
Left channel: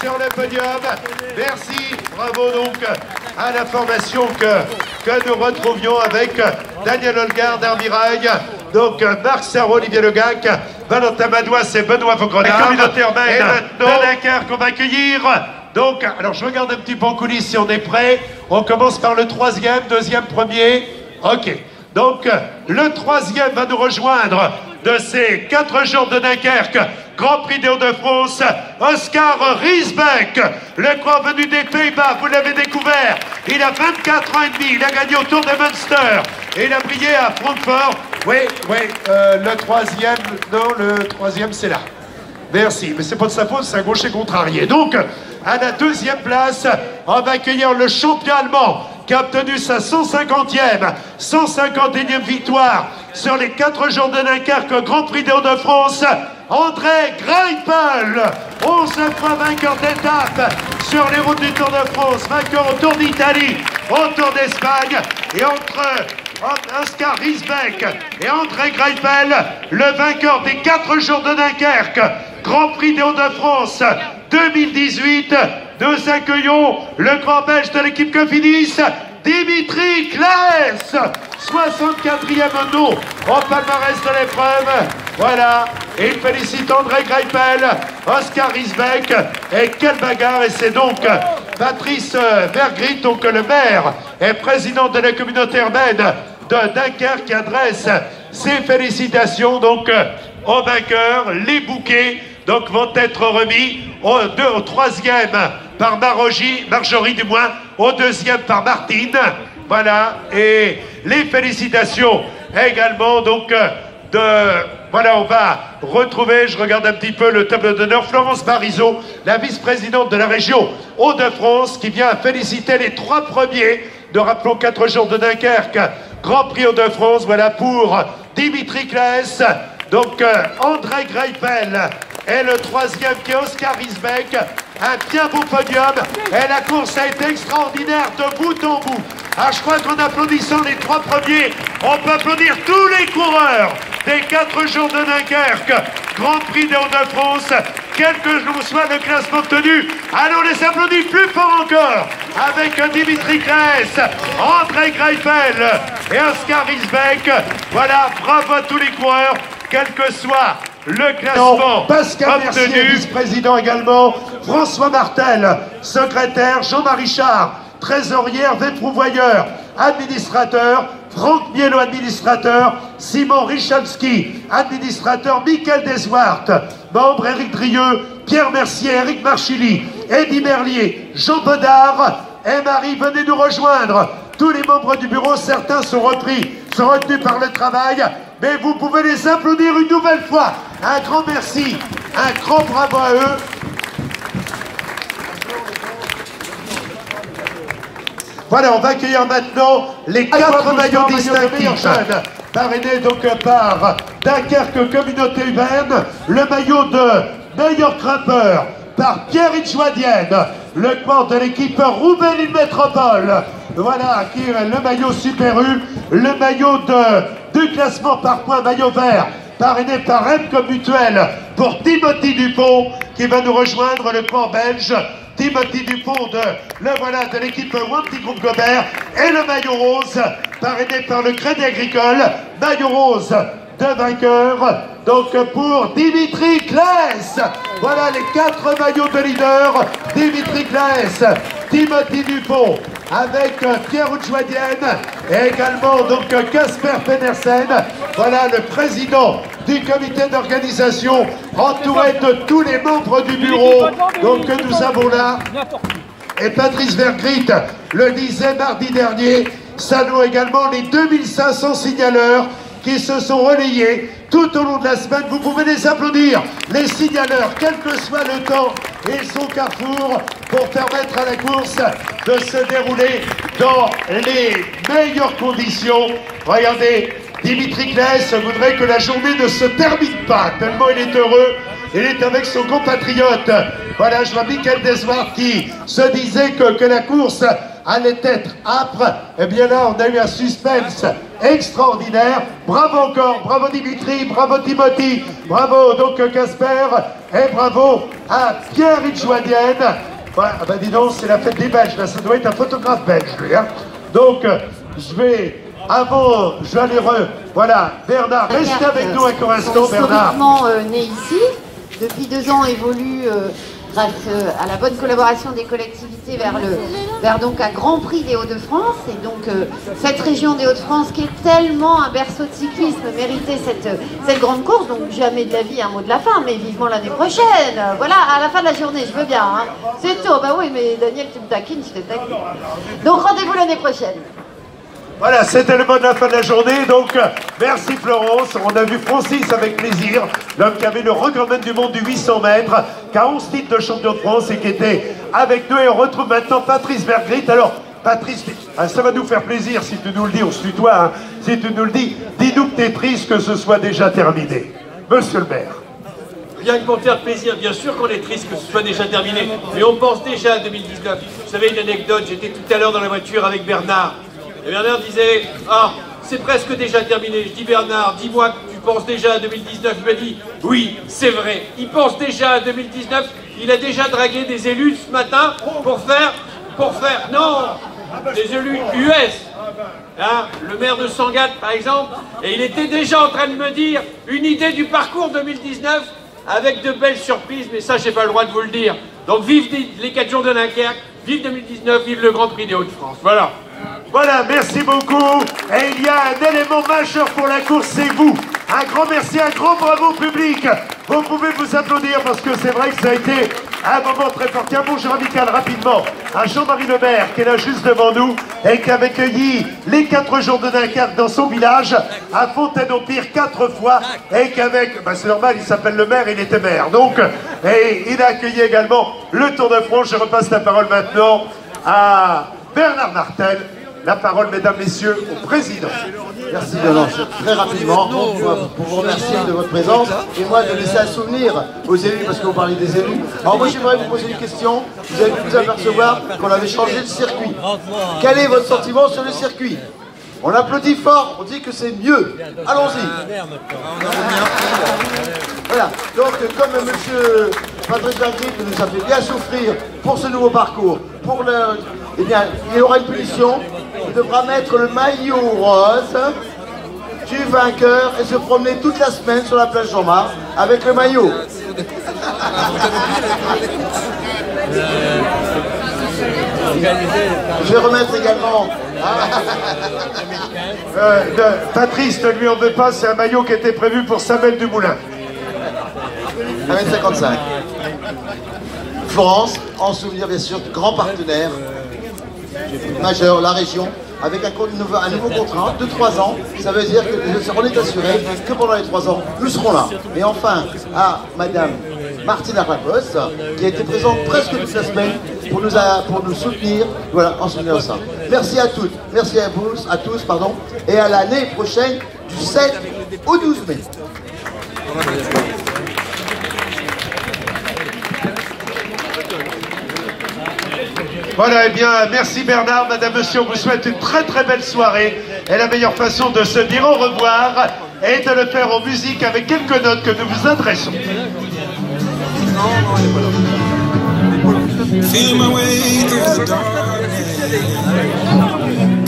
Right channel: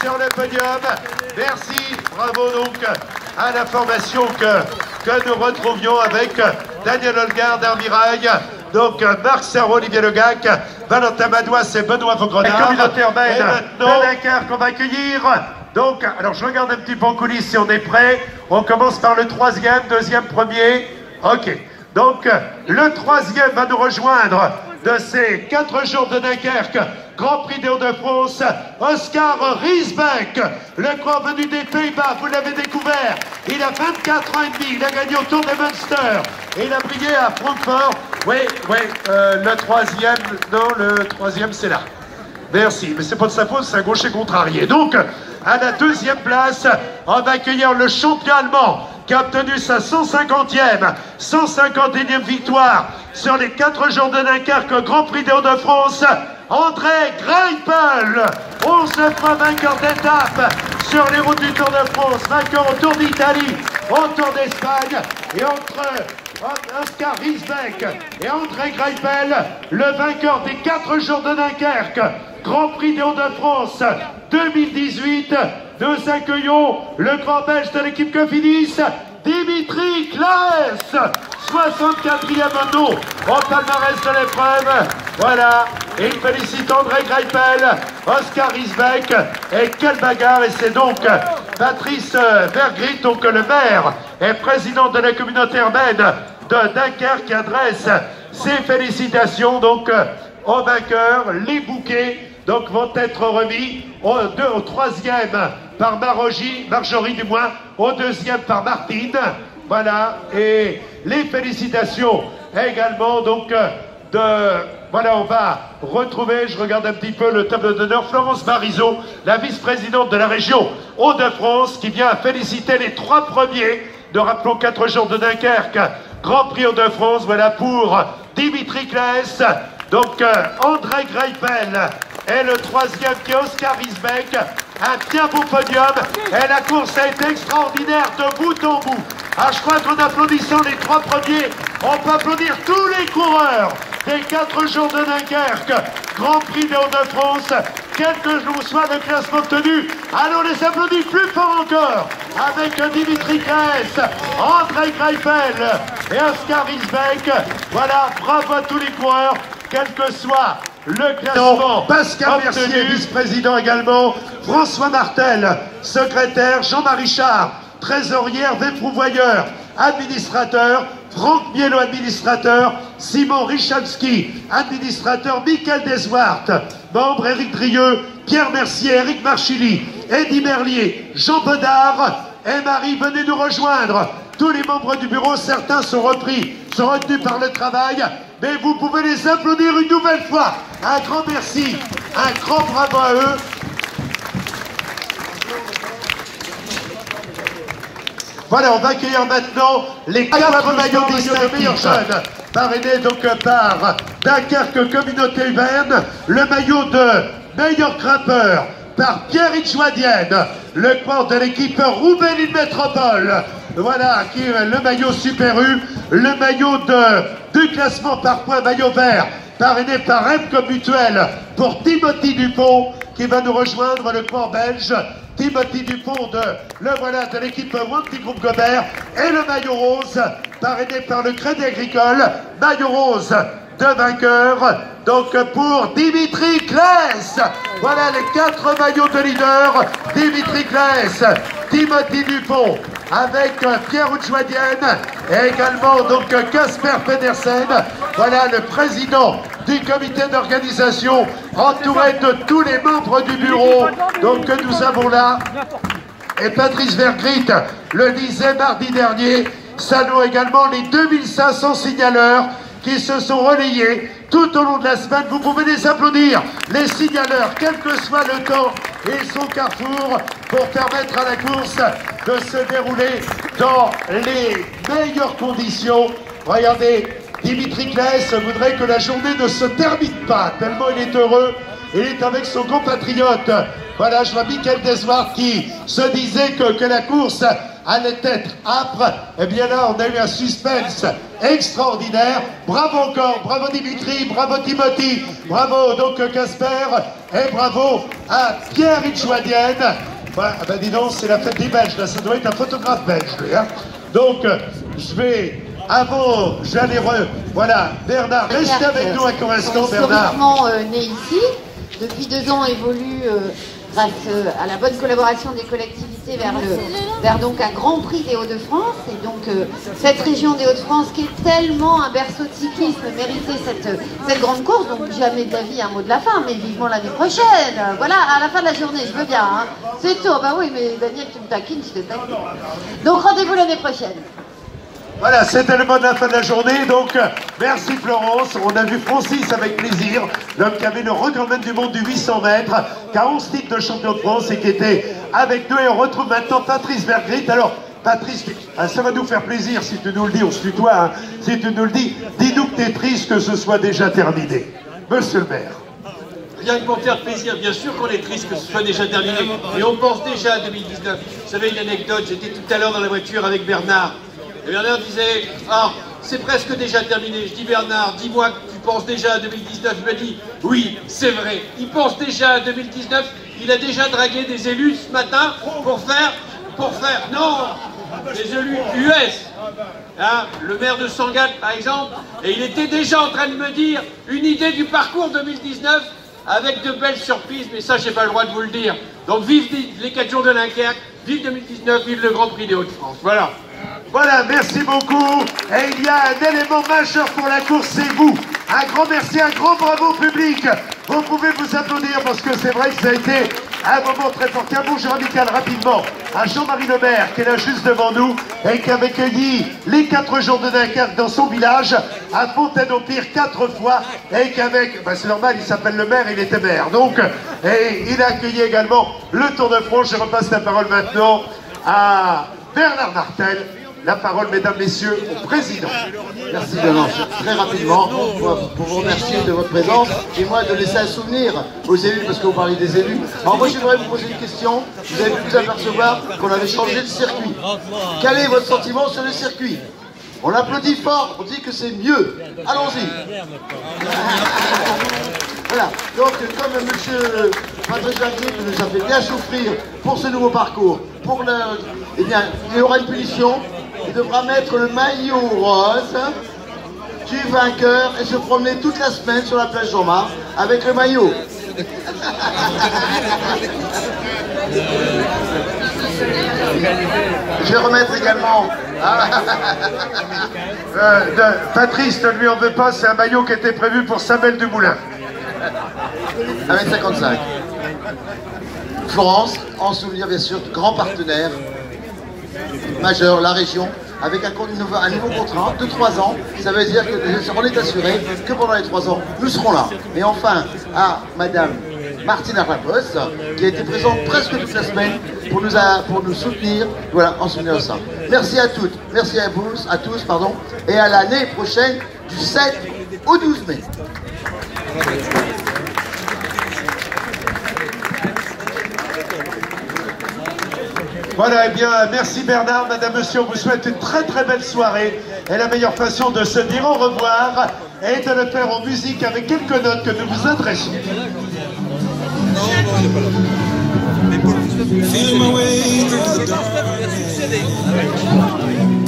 sur le podium. Merci, bravo donc à la formation que nous retrouvions avec Daniel Holgard d'Armirail, donc Marc Sarro, Olivier Legac, Valentin Madouas et Benoît Vaugrenard. Et maintenant, Dunkerque qu'on va accueillir. Donc, alors je regarde un petit peu en coulisses si on est prêt. On commence par le troisième, deuxième, premier. Ok. Donc, le troisième va nous rejoindre de ces 4 jours de Dunkerque, Grand Prix des Hauts-de-France, Oscar Riesbeck, le grand venu des Pays-Bas, vous l'avez découvert, il a 24 ans et demi, il a gagné au Tour de Münster, et il a brillé à Francfort. Oui, le troisième, non, le troisième c'est là. Merci, mais c'est pas de sa faute, c'est un gaucher contrarié. Donc, à la deuxième place, on va accueillir le champion allemand qui a obtenu sa 151e victoire sur les 4 jours de Dunkerque, Grand Prix des Hauts-de-France, André Greipel, 11 fois vainqueur d'étape sur les routes du Tour de France, vainqueur au Tour d'Italie, au Tour d'Espagne, et entre Oscar Riesbeck et André Greipel, le vainqueur des 4 jours de Dunkerque, Grand Prix des Hauts-de-France 2018, nous accueillons le grand belge de l'équipe Cofidis, Dimitri Claes, 64e nom au palmarès de l'épreuve. Voilà, et il félicite André Greipel, Oscar Riesbeck, et quelle bagarre. Et c'est donc Patrice Vergrit, donc le maire et président de la communauté urbaine de Dunkerque, qui adresse ses félicitations donc aux vainqueurs. Les bouquets donc vont être remis au troisième par Marjorie du moins, au deuxième par Martine. Voilà, et les félicitations également donc voilà, on va retrouver, je regarde un petit peu le tableau d'honneur, Florence Barizot, la vice-présidente de la région Hauts-de-France, qui vient féliciter les 3 premiers de, rappelons, 4 jours de Dunkerque, Grand Prix Hauts-de-France. Voilà pour Dimitri Claes, donc André Greipel, et le troisième qui est Oscar Riesbeck. Un bien beau podium, et la course a été extraordinaire de bout en bout. Ah, je crois qu'en applaudissant les 3 premiers, on peut applaudir tous les coureurs des 4 jours de Dunkerque, Grand Prix des Hauts-de-France, quel que soit le classement obtenu. Allons les applaudir plus fort encore, avec Dimitri Claes, André Greipel et Oscar Riesbeck. Voilà, bravo à tous les coureurs, quel que soit le classement. Pascal Mercier, vice-président également, François Martel, secrétaire, Jean-Marie Char, trésorier, Hervé Prouvoyeur, administrateur, Franck Mielo, administrateur, Simon Richalski, administrateur, Michael Deswart, membre, Éric Drieux, Pierre Mercier, Éric Marchilly, Eddy Merlier, Jean Bodard et Marie, venez nous rejoindre. Tous les membres du bureau, certains sont retenus par le travail, mais vous pouvez les applaudir une nouvelle fois. Un grand merci, un grand bravo à eux. Voilà, on va accueillir maintenant les 4 maillots distinctifs, parrainés donc par Dunkerque Communauté Urbaine, le maillot de meilleur grimpeur par Pierre Joadienne, le corps de l'équipe Roubaix-Lille Métropole. Voilà, qui est le maillot Super U, le maillot du classement par points, maillot vert, parrainé par Emco Mutuel pour Timothy Dupont, qui va nous rejoindre, le port belge. Timothy Dupont de l'équipe Wanty Groupe Gobert, et le maillot rose, parrainé par le Crédit Agricole, maillot rose de vainqueur, donc pour Dimitri Claes. Voilà les 4 maillots de leader, Dimitri Claes, Timothy Dupont, avec Pierre Joadienne, et également donc Casper Pedersen. Voilà le président du comité d'organisation, entouré de tous les membres du bureau donc que nous avons là. Et Patrice Vergrit le disait mardi dernier, saluons également les 2500 signaleurs qui se sont relayés tout au long de la semaine. Vous pouvez les applaudir, les signaleurs, quel que soit le temps et son carrefour, pour permettre à la course de se dérouler dans les meilleures conditions. Regardez, Dimitri Claes voudrait que la journée ne se termine pas, tellement il est heureux. Il est avec son compatriote. Voilà, je vois Michael Deswart qui se disait que la course allait être âpre. Eh bien là, on a eu un suspense extraordinaire. Bravo encore, bravo Dimitri, bravo Timothy, bravo donc Casper, et bravo à Pierre Itchouadienne. Bah dis donc, c'est la fête des Belges, là, ça doit être un photographe belge, lui, hein. Donc, je vais, voilà, Bernard, reste avec nous un instant, Bernard. Né ici, depuis 2 ans évolue grâce à la bonne collaboration des collectivités vers donc un Grand Prix des Hauts-de-France. Et donc cette région des Hauts-de-France qui est tellement un berceau de cyclisme méritait cette grande course. Donc jamais de la vie un mot de la fin, mais vivement l'année prochaine. Voilà, à la fin de la journée, je veux bien. Hein. C'est tout. Bah oui, mais Daniel, tu me taquines, je te taquine. Donc rendez-vous l'année prochaine. Voilà, c'était le mot de la fin de la journée, donc merci Florence. On a vu Francis avec plaisir, l'homme qui avait le recordman du monde du 800 mètres, qui a 11 titres de champion de France et qui était avec nous. Et on retrouve maintenant Patrice Vergrit. Alors, Patrice, ça va nous faire plaisir si tu nous le dis, on se tutoie, hein. Si tu nous le dis, dis-nous que tu es triste que ce soit déjà terminé. Monsieur le maire. Rien que pour faire plaisir, bien sûr qu'on est triste que ce soit déjà terminé, mais on pense déjà à 2019. Vous savez une anecdote, j'étais tout à l'heure dans la voiture avec Bernard. Et Bernard disait, ah, c'est presque déjà terminé. Je dis, Bernard, dis-moi que tu penses déjà à 2019. Il m'a dit, oui, c'est vrai. Il pense déjà à 2019. Il a déjà dragué des élus ce matin pour faire, non, des élus US. Hein, le maire de Sangatte, par exemple. Et il était déjà en train de me dire une idée du parcours 2019 avec de belles surprises. Mais ça, j'ai pas le droit de vous le dire. Donc, vive les 4 jours de Dunkerque, vive 2019, vive le Grand Prix des Hauts-de-France. Voilà. Voilà, merci beaucoup. Et il y a un élément majeur pour la course, c'est vous. Un grand merci, un grand bravo public. Vous pouvez vous applaudir parce que c'est vrai que ça a été un moment très fort. Un bonjour amical rapidement à Jean-Marie Le Maire qui est là juste devant nous et qui avait cueilli les 4 jours de Dunkerque dans son village à Fontaine-au-Pire 4 fois et qu'avec, c'est normal, il s'appelle le maire, il était maire. Donc, et il a accueilli également le Tour de France. Je repasse la parole maintenant à Bernard Martel. La parole, mesdames, messieurs, au président. Merci Bernard. Très rapidement, pour vous remercier de votre présence et moi de laisser un souvenir aux élus, parce que vous parlez des élus. Alors moi j'aimerais vous poser une question. Vous avez pu vous apercevoir qu'on avait changé de circuit. Quel est votre sentiment sur le circuit? On applaudit fort, on dit que c'est mieux. Allons-y. Voilà, donc comme M. Patrice Vergrit nous a fait bien souffrir pour ce nouveau parcours, eh bien, il y aura une punition. Il devra mettre le maillot rose du vainqueur et se promener toute la semaine sur la plage Jean-Marc avec le maillot. Je vais remettre également... Patrice, ne lui en veut pas, c'est un maillot qui était prévu pour Samuel Dumoulin. 1m55. Florence, en souvenir bien sûr, grand partenaire majeur, la région, avec un nouveau contrat de 3 ans. Ça veut dire qu'on est assuré que pendant les 3 ans, nous serons là. Et enfin, à Madame Martine Arlapos, qui a été présente presque toute la semaine pour nous soutenir, voilà, en souvenir de ça. Merci à toutes, merci à tous, pardon, et à l'année prochaine, du 7 au 12 mai. Voilà, eh bien, merci Bernard, madame, monsieur, on vous souhaite une très très belle soirée. Et la meilleure façon de se dire au revoir est de le faire en musique avec quelques notes que nous vous adressons. Feel my way through the darkness.